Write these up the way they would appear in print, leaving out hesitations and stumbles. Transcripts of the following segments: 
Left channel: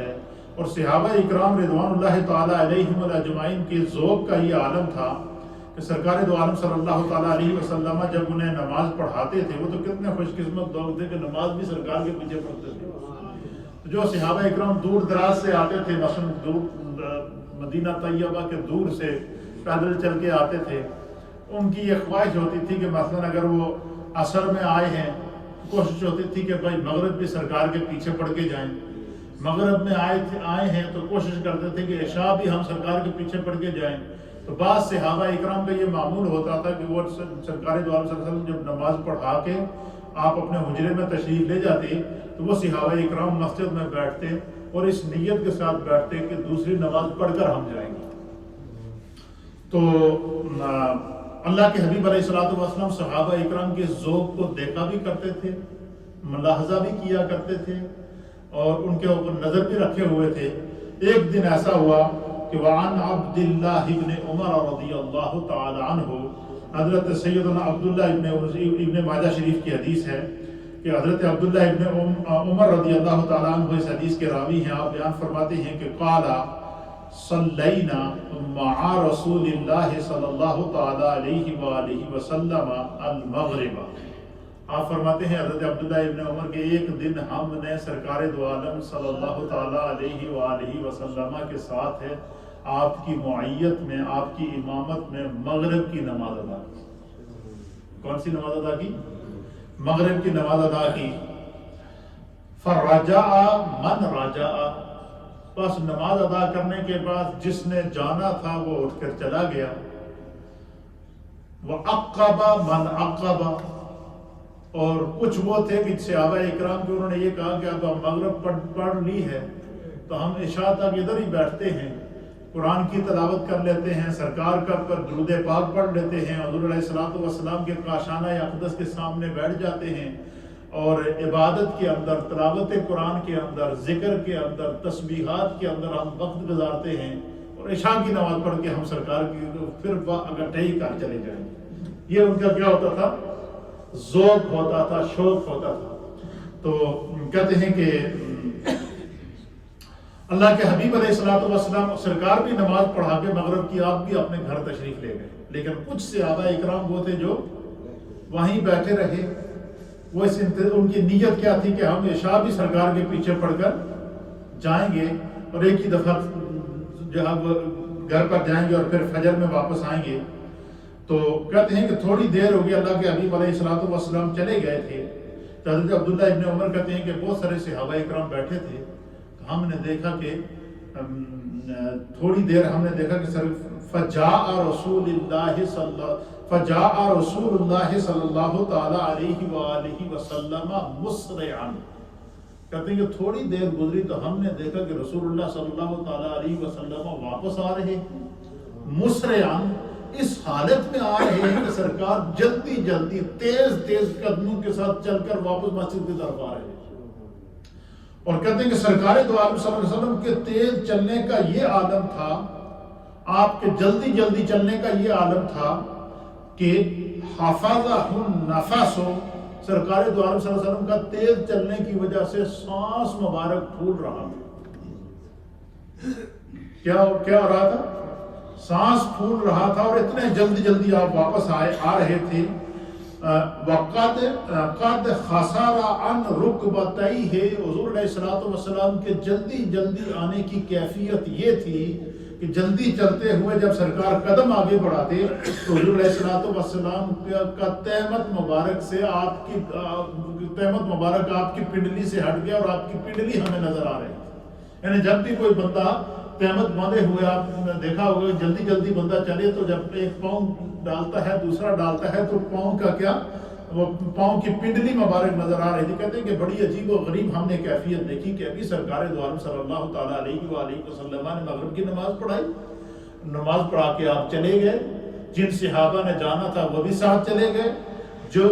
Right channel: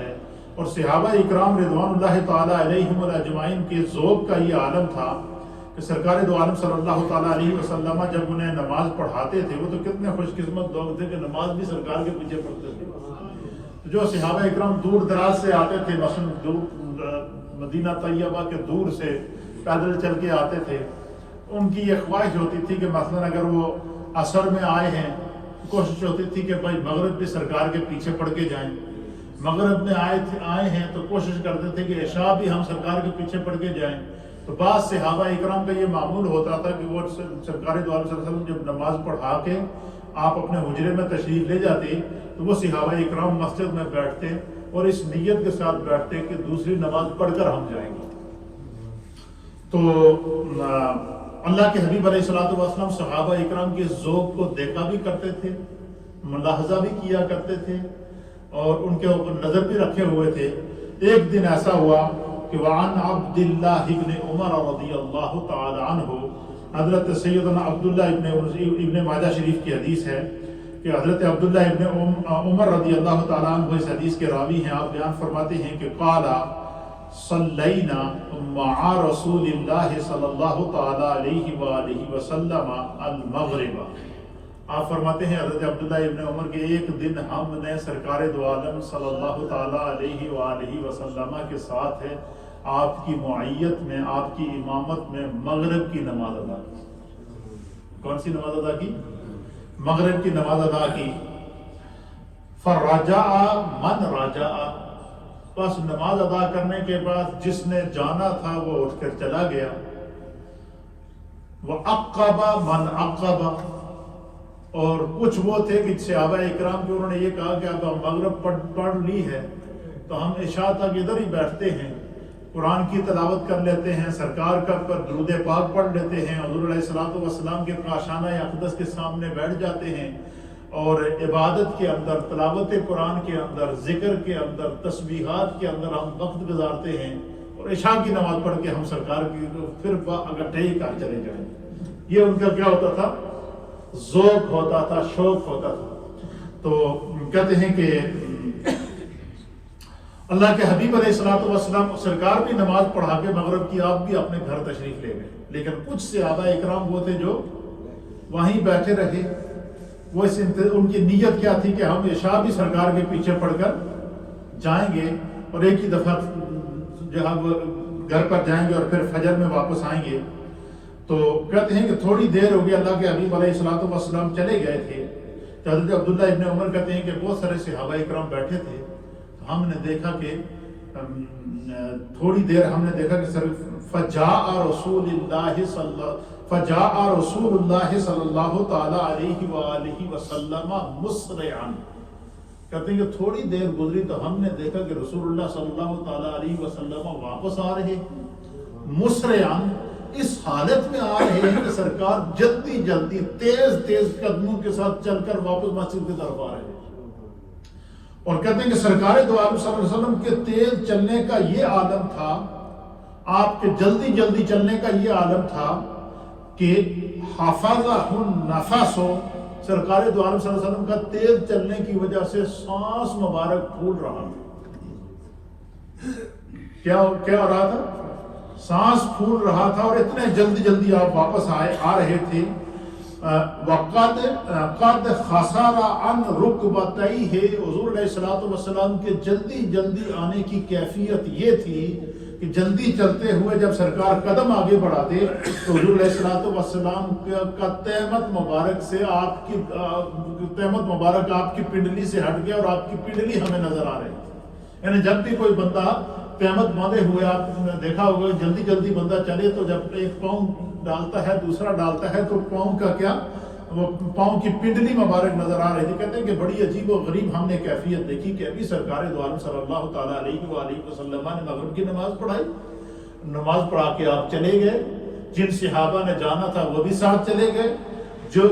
ہے، اور صحابہ اکرام رضوان اللہ تعالیٰ علیہم اجمعین کے ذوق کا یہ عالم تھا کہ سرکار دو عالم صلی اللہ تعالیٰ علیہ وسلم جب انہیں نماز پڑھاتے تھے، وہ تو کتنے خوش قسمت لوگ تھے کہ نماز بھی سرکار کے پیچھے پڑھتے تھے۔ تو جو صحابہ اکرام دور دراز سے آتے تھے، مثلا مدینہ طیبہ کے دور سے پیدل چل کے آتے تھے، ان کی یہ خواہش ہوتی تھی کہ مثلا اگر وہ عصر میں آئے ہیں، کوشش ہوتی تھی کہ بھائی مغرب بھی سرکار کے پیچھے پڑھ کے جائیں، مغرب میں آئے ہیں تو کوشش کرتے تھے کہ عشاء بھی ہم سرکار کے پیچھے پڑھ کے جائیں۔ تو بعض صحابہ اکرام کا یہ معمول ہوتا تھا کہ وہ سرکار دو عالم صلی اللہ علیہ وسلم جب نماز پڑھا کے آپ اپنے حجرے میں تشریف لے جاتے تو وہ صحابہ اکرام مسجد میں بیٹھتے اور اس نیت کے ساتھ بیٹھتے کہ دوسری نماز پڑھ کر ہم جائیں گے۔ تو اللہ کے حبیب علیہ الصلوۃ والسلام صحابہ اکرام کے ذوق کو دیکھا بھی کرتے تھے، ملاحظہ بھی کیا کرتے تھے، اور ان کے اوپر نظر بھی رکھے ہوئے تھے۔ ایک دن ایسا ہوا کہ وعن عبد اللہ ابن عمر رضی اللہ تعالی عنہ، حضرت سیدنا عبداللہ ابن ماجہ شریف کی حدیث ہے کہ حضرت عبداللہ ابن عمر رضی اللہ تعالی عنہ اس حدیث کے راوی ہیں۔ آپ بیان فرماتے ہیں کہ قال صلینا مع رسول اللہ صلی اللہ تعالی علیہ وآلہ وسلم المغرب۔ آپ فرماتے ہیں حضرت عبداللہ ابن عمر کے ایک دن ہم نے سرکار دو عالم صلی اللہ تعالی علیہ وآلہ وسلم کے ساتھ ہے آپ کی معیت میں، آپ کی امامت میں مغرب کی نماز ادا کی۔ کون سی نماز ادا کی؟ مغرب کی نماز ادا کی۔ فرجع من رجع، بس نماز ادا کرنے کے بعد جس نے جانا تھا وہ اٹھ کر چلا گیا۔ وعقب من عقب، اور کچھ وہ تھے کہ صحابہ اکرام کے انہوں نے یہ کہا کہ اب ہم مغرب پڑھ لی ہے تو ہم عشاء تک ادھر ہی بیٹھتے ہیں، قرآن کی تلاوت کر لیتے ہیں، سرکار کا درود پاک پڑھ لیتے ہیں، حضور علیہ الصلوۃ والسلام کے کاشانہ اقدس کے سامنے بیٹھ جاتے ہیں، اور عبادت کے اندر، تلاوت قرآن کے اندر، ذکر کے اندر، تسبیحات کے اندر ہم وقت گزارتے ہیں، اور عشاء کی نماز پڑھ کے ہم سرکار کی پھر اکٹھے ہی کر چلے جائیں۔ یہ ان کا کیا ہوتا تھا؟ ذوق ہوتا تھا، شوق ہوتا تھا۔ تو کہتے ہیں کہ اللہ کے حبیب علیہ الصلوۃ والسلام سرکار بھی نماز پڑھا کے مغرب کی آپ بھی اپنے گھر تشریف لے گئے، لیکن کچھ صحابہ اکرام وہ تھے جو وہیں بیٹھے رہے۔ وہ ان کی نیت کیا تھی کہ ہم عشاء بھی سرکار کے پیچھے پڑھ کر جائیں گے، اور ایک ہی دفعہ جہاں گھر پر جائیں گے اور پھر فجر میں واپس آئیں گے۔ تو کہتے ہیں کہ تھوڑی دیر ہو گئی، اللہ کے حبیب علیہ الصلوۃ والسلام چلے گئے تھے، تو حضرت عبداللہ ابن عمر کہتے ہیں کہ بہت سارے صحابہ اکرام بیٹھے تھے، تو ہم نے دیکھا کہ تھوڑی دیر ہم نے دیکھا کہ فجاء رسول اللہ صلی اللہ تعالی علیہ وآلہ وسلم مسرعا، کہتے ہیں کہ تھوڑی دیر گزری تو ہم نے دیکھا کہ رسول اللہ صلی اللہ تعالی علیہ وسلم واپس آ رہے، مسرعا، اس حالت میں آ رہے ہیں کہ سرکار جلدی جلدی تیز قدموں کے ساتھ چل کر واپس مسجد کی طرف آ رہے ہیں۔ اور کہتے ہیں کہ سرکار دو عالم صلی اللہ علیہ وسلم کے تیز چلنے کا یہ عالم تھا، آپ کے جلدی جلدی چلنے کا یہ عالم تھا کہ حفظہ النفس، سرکار دو عالم صلی اللہ علیہ وسلم کا تیز چلنے کی وجہ سے سانس مبارک پھول رہا تھا۔ کیا ہو رہا تھا؟ سانس پھول رہا تھا، اور اتنے جلدی جلدی آپ واپس آ رہے تھے۔ قد خسر عن رکبتیہ، حضور علیہ الصلوۃ والسلام کے جلدی جلدی آنے کی کیفیت یہ تھی کہ جلدی چلتے ہوئے جب سرکار قدم آگے بڑھاتے تو حضور علیہ الصلوۃ والسلام کا تہمت مبارک سے آپ کی تہمت مبارک آپ کی پنڈلی سے ہٹ گیا، اور آپ کی پنڈلی ہمیں نظر آ رہی تھی۔ یعنی جب بھی کوئی بندہ قیامت باندھے ہوئے، آپ نے دیکھا ہوگا جلدی جلدی بندہ چلے تو جب ایک پاؤں ڈالتا ہے دوسرا ڈالتا ہے تو پاؤں کا کیا، وہ پاؤں کی پنڈلی مبارک نظر آ رہی تھی۔ کہتے ہیں کہ بڑی عجیب و غریب ہم نے کیفیت دیکھی کہ ابھی سرکار دو عالم صلی اللہ تعالیٰ علیہ وآلہ وسلم نے مغرب کی نماز پڑھائی، نماز پڑھا کے آپ چلے گئے، جن صحابہ نے جانا تھا وہ بھی ساتھ چلے گئے، جو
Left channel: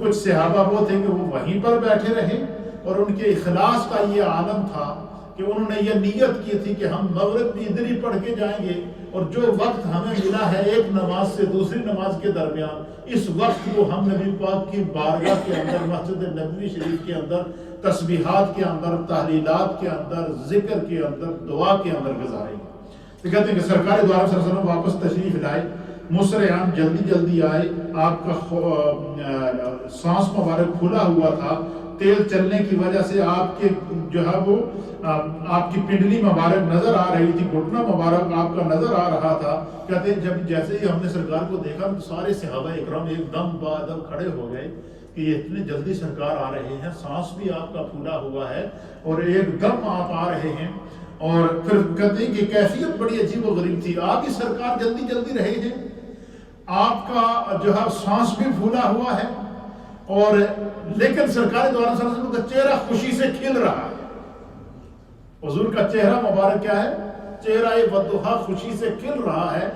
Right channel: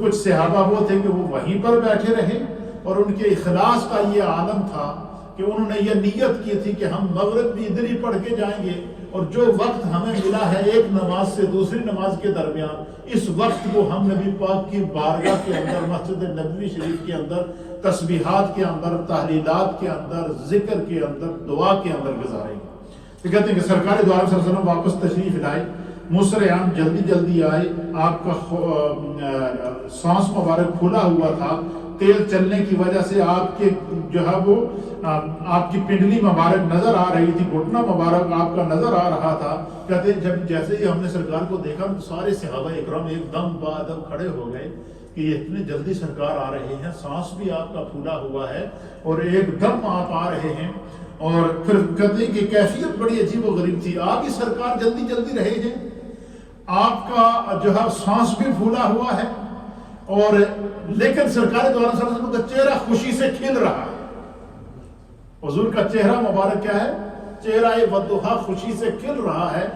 کچھ صحابہ وہ تھے کہ وہ وہیں پر بیٹھے رہے، اور ان کے اخلاص کا یہ عالم تھا کہ انہوں نے یہ نیت کی تھی کہ ہم مغرب بھی ادھر ہی پڑھ کے جائیں گے، اور جو وقت ہمیں ملا ہے ایک نماز سے دوسری نماز کے درمیان، اس وقت کو ہم نبی پاک کی بارگاہ کے اندر، مسجد نبوی شریف کے اندر، تسبیحات کے اندر، تحلیلات کے اندر، ذکر کے اندر، دعا کے اندر گزاریں گے۔ تو کہتے ہیں کہ سرکار دو عالم صلی اللہ علیہ وسلم واپس تشریف لائے، مسرعان جلدی جلدی آئے، آپ کا سانس مبارک کھلا ہوا تھا، تیل چلنے کی وجہ سے آپ کے جو ہے وہ آپ کی پنڈلی مبارک نظر آ رہی تھی، گھٹنا مبارک آپ کا نظر آ رہا تھا۔ کہتے ہیں جب جیسے ہی ہم نے سرکار کو دیکھا تو سارے صحابہ اکرام ایک دم بعدم کھڑے ہو گئے کہ یہ اتنے جلدی سرکار آ رہے ہیں، سانس بھی آپ کا پھولا ہوا ہے اور ایک دم آپ آ رہے ہیں۔ اور پھر کہتے ہیں کہ کیفیت بڑی عجیب و غریب تھی، آپ ہی سرکار جلدی جلدی رہے ہیں، آپ کا جو ہے سانس بھی پھولا ہوا ہے، اور لیکن سرکار دو عالم صلی اللہ علیہ وسلم کا چہرہ خوشی سے کھل رہا ہے۔ حضور کا چہرہ مبارک کیا ہے؟ چہرہ والضحیٰ خوشی سے کھل رہا ہے۔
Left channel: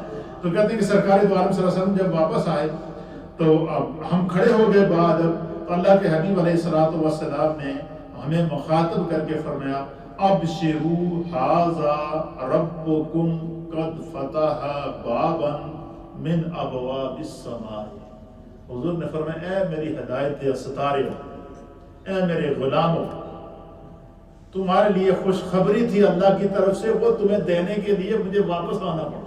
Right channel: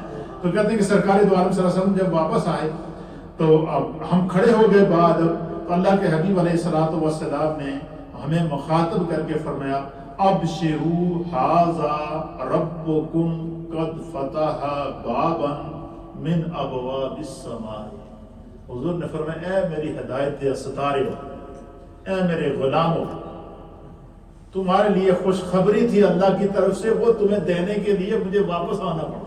تو کہتے ہیں کہ سرکار دو عالم صلی اللہ علیہ وسلم جب واپس آئے تو اب ہم کھڑے ہو گئے، بعد اللہ کے حبیب علیہ الصلوۃ والسلام نے ہمیں مخاطب کر کے فرمایا، ابشروا ھذا ربکم قد فتح بابا من ابواب السماء۔ حضور نے فرمایا، اے میری ہدایت ستارے، اے میرے غلاموں، تمہارے لیے خوشخبری تھی اللہ کی طرف سے، وہ تمہیں دینے کے لیے مجھے واپس آنا پڑا۔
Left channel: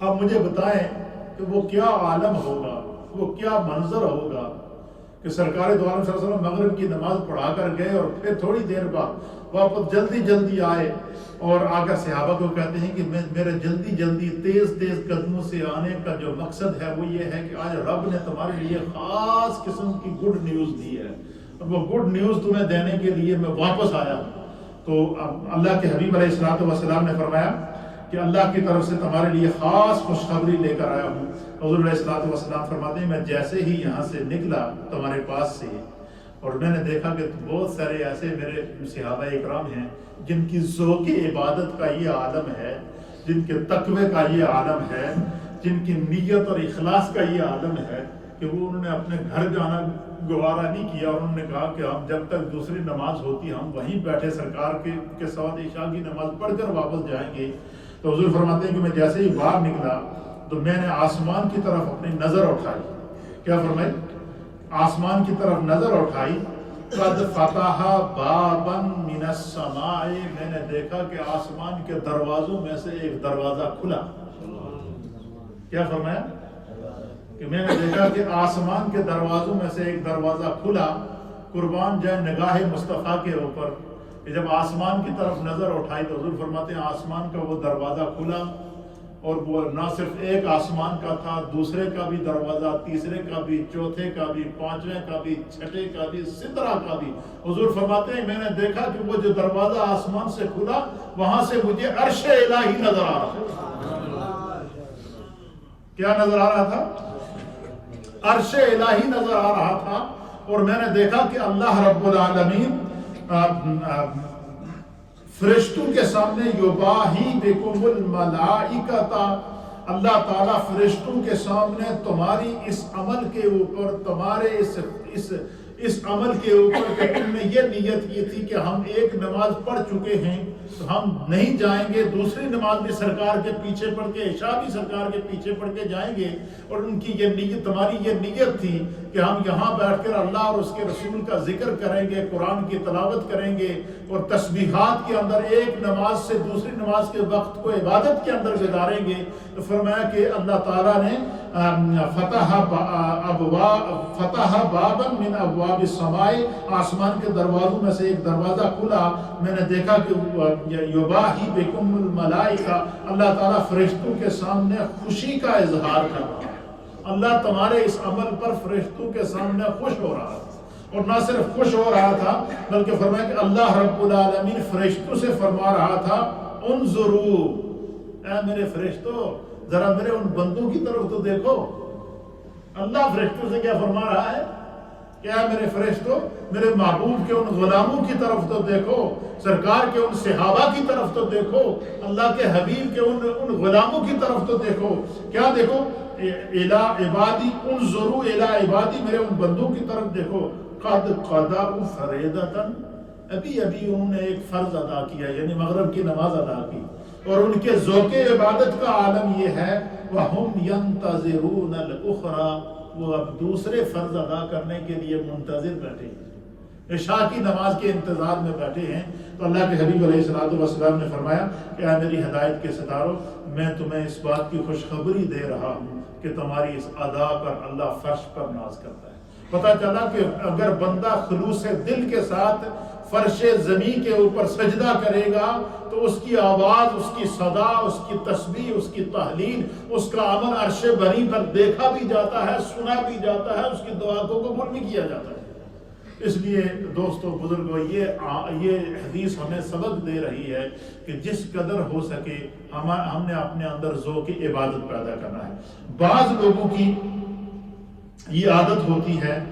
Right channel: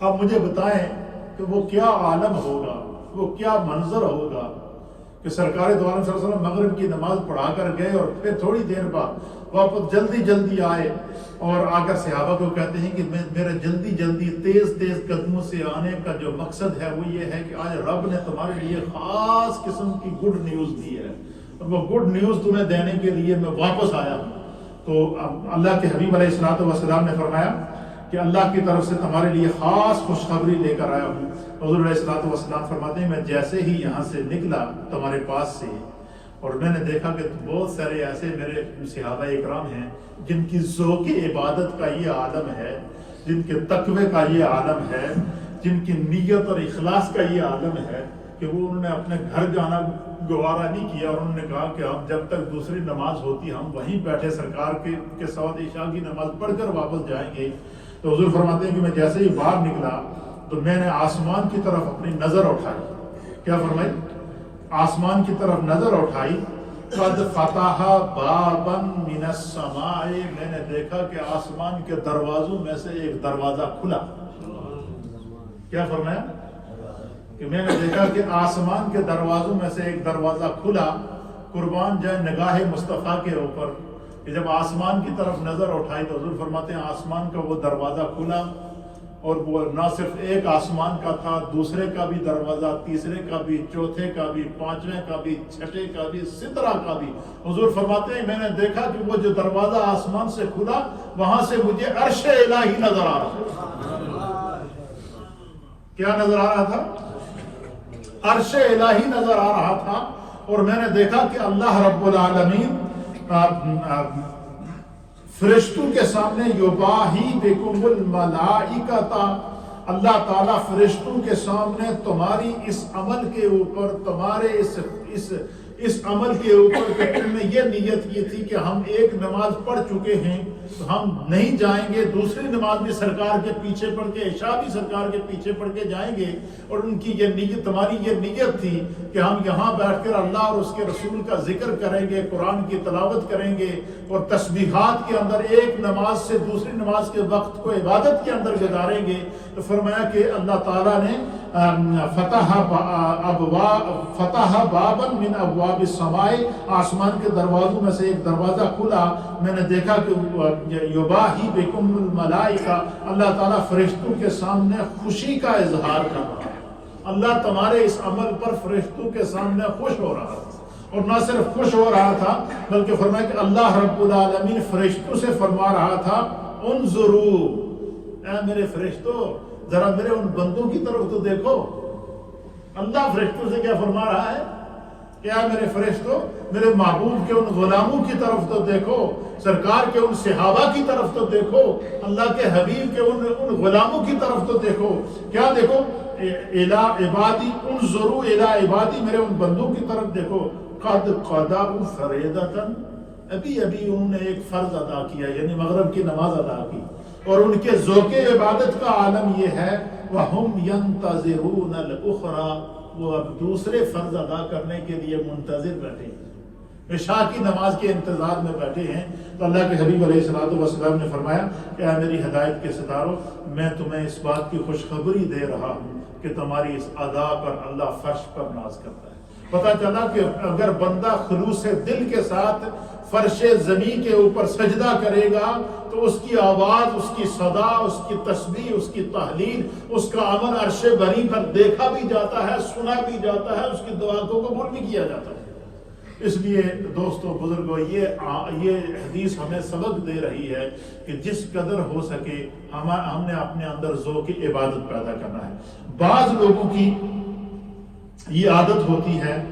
اب مجھے بتائیں کہ وہ کیا عالم ہوگا، وہ کیا منظر ہوگا کہ سرکار دو عالم صلی اللہ علیہ وسلم مغرب کی نماز پڑھا کر گئے اور پھر تھوڑی دیر بعد واپس جلدی جلدی آئے، اور آ کر صحابہ کو کہتے ہیں کہ میرے جلدی جلدی تیز تیز قدموں سے آنے کا جو مقصد ہے وہ یہ ہے کہ آج رب نے تمہارے لیے خاص قسم کی گڈ نیوز دی ہے، اور وہ گڈ نیوز تمہیں دینے کے لیے میں واپس آیا ہوں۔ تو اللہ کے حبیب علیہ الصلوۃ والسلام نے فرمایا کہ اللہ کی طرف سے تمہارے لیے خاص خوشخبری لے کر آیا ہوں۔ حضور علیہ الصلوۃ والسلام فرماتے ہیں، میں جیسے ہی یہاں سے نکلا تمہارے پاس سے، اور میں نے دیکھا کہ بہت سارے ایسے میرے صحابہ اکرام ہیں جن کی ذوق عبادت کا یہ عالم ہے، جن کے تقوی کا یہ عالم ہے، جن کی نیت اور اخلاص کا یہ عالم ہے، کہ وہ انہوں نے اپنے گھر جانا گوارا نہیں کیا، اور انہوں نے کہا کہ ہم جب تک دوسری نماز ہوتی ہم وہیں بیٹھے سرکار کے ساتھ عشاء کی نماز پڑھ کر واپس جائیں گے۔ تو حضور فرماتے ہیں کہ میں جیسے ہی باہر نکلا تو میں نے آسمان کی طرف اپنی نظر اٹھائی، کیا فرمائی؟ آسمان کی طرف نظر اٹھائی، قد فتح بابا من السماء، میں نے دیکھا کہ آسمان کے دروازوں میں سے ایک دروازہ کھلا۔ کیا فرمایا؟ کہ میں نے دیکھا کہ آسمان کے دروازوں میں سے ایک دروازہ کھلا۔ قربان جائے نگاہ مصطفیٰ کے اوپر کہ جب آسمان کی طرف نظر اٹھائی تو حضور فرماتے ہیں آسمان کا وہ دروازہ کھلا، اور وہ نہ صرف ایک آسمان کا تھا، دوسرے کا بھی دروازہ، تیسرے کا بھی، چوتھے کا بھی، پانچویں کا بھی، چھٹے کا بھی، سدرہ کا بھی۔ حضور فرماتے ہیں میں نے دیکھا کہ وہ جو دروازہ آسمان سے کھلا وہاں سے مجھے عرش الہی نظر آ رہا تھا۔ کیا نظر آ رہا تھا؟ عرش الہی نظر آ رہا تھا، اور میں نے دیکھا کہ اللہ رب العالمین فرشتوں کے سامنے یباہی بکم الملائکۃ، اللہ تعالیٰ فرشتوں کے سامنے تمہاری اس عمل کے اوپر، تمہارے اس عمل کے اوپر کہ تم نے یہ نیت کی تھی کہ ہم ایک نماز پڑھ چکے ہیں تو ہم نہیں جائیں گے، دوسری نماز بھی سرکار کے پیچھے پڑھ کے، عشاء بھی سرکار کے پیچھے پڑھ کے جائیں گے، اور ان کی یہ نیت، تمہاری یہ نیت تھی کہ ہم یہاں بیٹھ کر اللہ اور اس کے رسول کا ذکر کریں گے، قرآن کی تلاوت کریں گے، اور تسبیحات کے اندر ایک نماز سے دوسری نماز کے وقت کو عبادت کے اندر گزاریں گے۔ تو فرمایا کہ اللہ تعالیٰ نے فتح بابا من ابواب السماء، آسمان کے دروازوں میں سے ایک دروازہ کھلا، میں نے دیکھا کہ یباہی بکم الملائکہ، اللہ تعالیٰ فرشتوں کے سامنے خوشی کا اظہار کر رہا ہے۔ اللہ تمہارے اس عمل پر فرشتوں کے سامنے خوش ہو رہا تھا، اور نہ صرف خوش ہو رہا تھا بلکہ فرمایا کہ اللہ رب العالمین فرشتوں سے فرما رہا تھا، انظروا، اے میرے فرشتوں ذرا میرے ان بندوں کی طرف تو دیکھو۔ اللہ فرشتوں سے کیا فرما رہا ہے؟ کیا میرے فرشتوں میرے محبوب کے ان غلاموں کی طرف تو دیکھو، سرکار کے ان صحابہ کی طرف تو دیکھو، اللہ کے حبیب کے ان غلاموں کی طرف تو دیکھو۔ کیا دیکھو؟ الی عبادی انظروا الی عبادی، میرے ان بندوں کی طرف دیکھو، قد قضوا فریضۃ، ابھی ابھی انہوں نے ایک فرض ادا کیا یعنی مغرب کی نماز ادا کی اور ان کے ذوق عبادت کا عالم یہ ہے وَهُمْ يَنْتَظِرُونَ الْأُخْرَى، وہ اب دوسرے فرض ادا کرنے کے لیے منتظر بیٹھے ہیں، عشاء کی نماز کے انتظار میں بیٹھے ہیں۔ تو اللہ کے حبیب علیہ السلام نے فرمایا کہ اے میری ہدایت کے ستاروں، میں تمہیں اس بات کی خوشخبری دے رہا ہوں کہ تمہاری اس ادا پر اللہ فرش پر ناز کرتا ہے۔ پتہ چلا کہ اگر بندہ خلوص دل کے ساتھ فرش زمین کے اوپر سجدہ کرے گا تو اس کی آواز، اس کی صدا، اس کی تسبیح، اس کی تحلیل، اس کا عمل عرش بری پر دیکھا بھی جاتا ہے، سنا بھی جاتا ہے، اس کی دعا کو قبول بھی کیا جاتا ہے۔ اس لیے دوستو بزرگوں، یہ حدیث ہمیں سبق دے رہی ہے کہ جس قدر ہو سکے ہم نے اپنے اندر ذوق عبادت پیدا کرنا ہے۔ بعض لوگوں کی یہ عادت ہوتی ہے